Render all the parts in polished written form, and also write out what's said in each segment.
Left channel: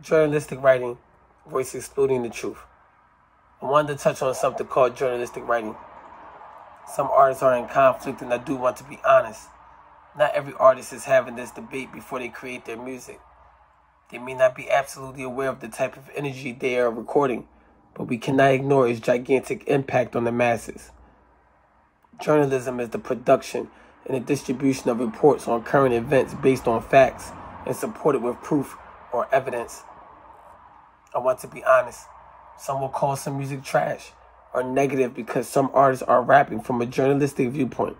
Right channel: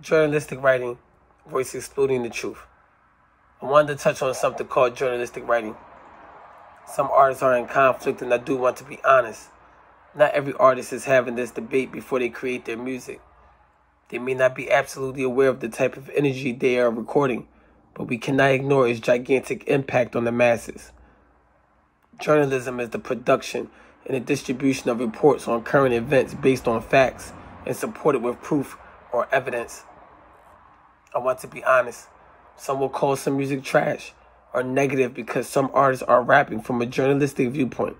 Journalistic writing versus excluding the truth. I wanted to touch on something called journalistic writing. Some artists are in conflict, and I do want to be honest. Not every artist is having this debate before they create their music. They may not be absolutely aware of the type of energy they are recording, but we cannot ignore its gigantic impact on the masses. Journalism is the production and the distribution of reports on current events based on facts and supported with proof or evidence. I want to be honest. Some will call some music trash or negative because some artists are rapping from a journalistic viewpoint.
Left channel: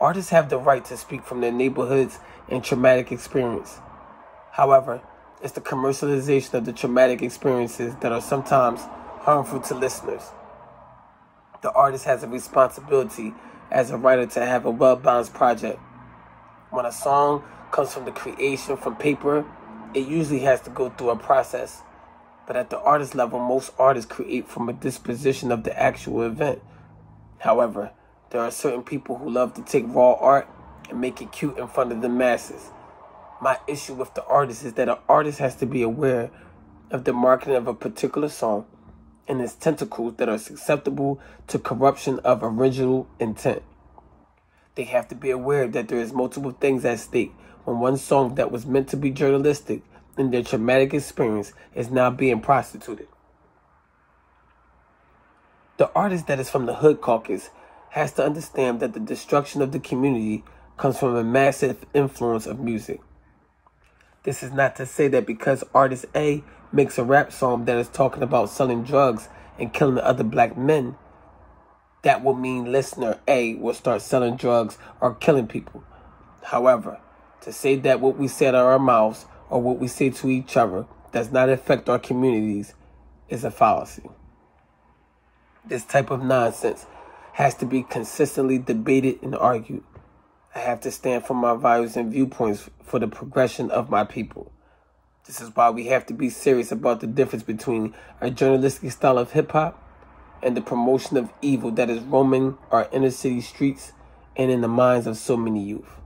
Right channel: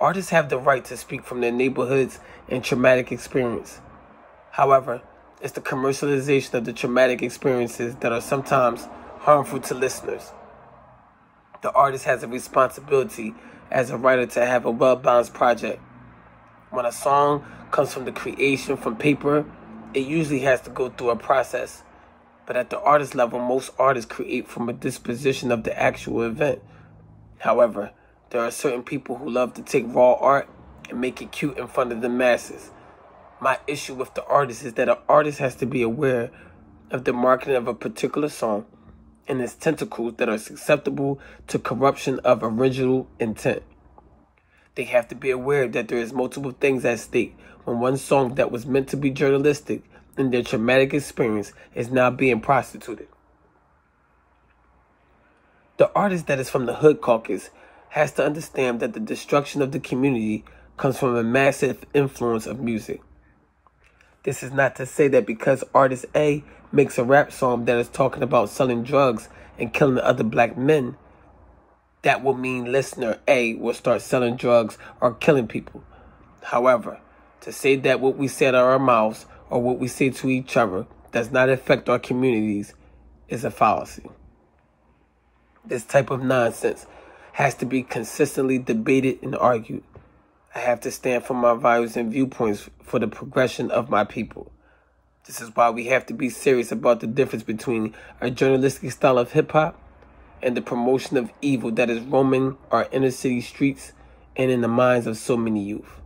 Artists have the right to speak from their neighborhoods and traumatic experience. However, it's the commercialization of the traumatic experiences that are sometimes harmful to listeners. The artist has a responsibility as a writer to have a well-balanced project. When a song comes from the creation from paper, it usually has to go through a process. But at the artist level, most artists create from a disposition of the actual event. However, there are certain people who love to take raw art and make it cute in front of the masses. My issue with the artist is that an artist has to be aware of the marketing of a particular song and its tentacles that are susceptible to corruption of original intent. They have to be aware that there is multiple things at stake when one song that was meant to be journalistic in their traumatic experience is now being prostituted. The artist that is from the hood caucus has to understand that the destruction of the community comes from a massive influence of music. This is not to say that because artist A makes a rap song that is talking about selling drugs and killing other black men, that will mean listener A will start selling drugs or killing people. However, to say that what we say out of our mouths or what we say to each other does not affect our communities is a fallacy. This type of nonsense has to be consistently debated and argued. I have to stand for my values and viewpoints for the progression of my people. This is why we have to be serious about the difference between a journalistic style of hip-hop and the promotion of evil that is roaming our inner city streets and in the minds of so many youth.